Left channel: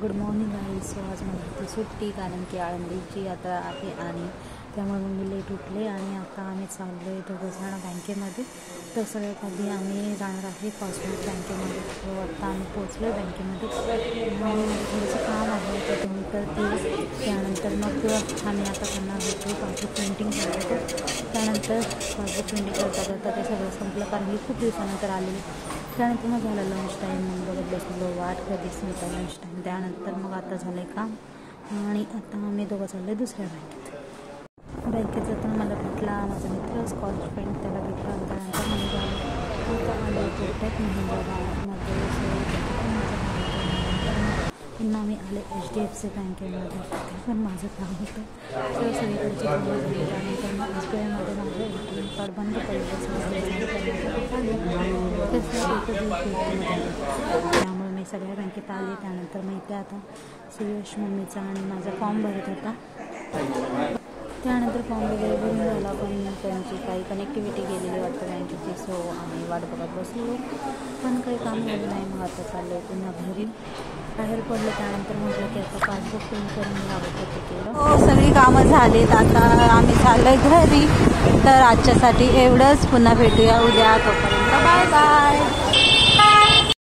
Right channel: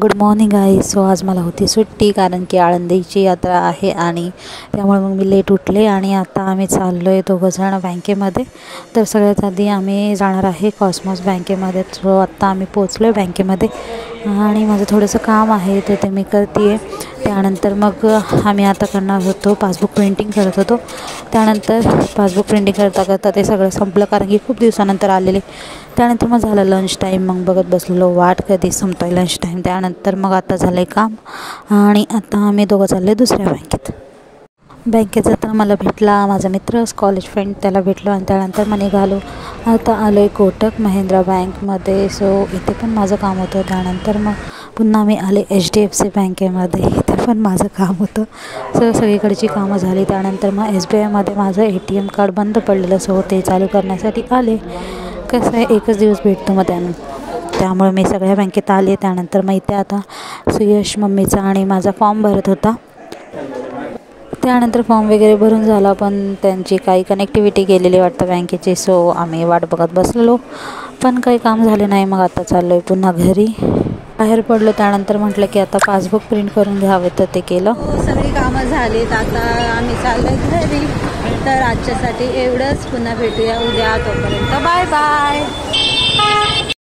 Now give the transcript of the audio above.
Good morning guys. So आज मला होती सुट्टी कारण की आळंदीची यात्रा आहे आणि त्यामुळे मग मी लेट उठले आणि आता आम्ही चाललो आहे दोघंजण बँकेमध्ये. तर सगळ्यात आधी आम्ही जाणार आहे कॉस्मॉस बँकेमध्ये. सो आत्ता आम्ही पोचलो आहे बँकेमध्ये आणि माझं थोडंसं काम आहे तर ते मी करते आहे. त्यानंतर मग आम्ही आता करणार होतो पासबुक प्रिंटिंग करत होतो. त्यानंतर पासबुक प्रिंटिंग करता करता ते सगळं संपलं कारण की खूप दिवसानंतर आलेले. त्यानंतर मग झालं लंच टाईम. मग बघत बसलेलो वाट कधी संपतो आहे लंच टाईम. त्यानंतर मग आता झालं आहे काम आणि आता आम्ही दोघं चाललो आहे दुसऱ्या बँकेत जाताना मला भेटला माझा मित्र कॉलेज फ्रेंड, त्याला भेटलो आणि त्यानंतर मग निघालो. आता आलो आहे कोटक महिंद्रा बँकमध्ये. सो इथे पण माझं काम होतं. त्यानंतर मग पुन्हा मी आले HDFC बँकेमध्ये, इथे पण माझं काम होतं. सगळीकडची कामं झाली. त्यानंतर मग SBIमध्ये माझं ATM कार्ड बंद पडलेलं, सो ते चालू करण्यासाठी आले. कसं आहे एकच दिवस भेटतो मग त्यामुळे मी सगळ्या बँकेत आले. त्यानंतर मग इथे आता सुयश मम्मीचा आणि माझा फॉर्म भरत होता. त्यानंतर फॉर्म वगैरे भरून झाला पण त्यांची काही कनेक्टिव्हिटी गेलेली वाटतं बँकेची. सो आम्ही वाट बघत बसलेलो पण काही काम झाले नाही. मग आता चाललो आहे पुन्हा घरी. बाहेर पडलो त्यानंतर म्हटलं की आता पासबुक प्रिंट करून घ्यावं तर ते केलं. सगळी कामं झालीत. आता आम्ही चाललो आहे घरी. तर आजच्यासाठी एवढंच. पुन्हा भेटूया उद्या. तोपर्यंत बाय बाय.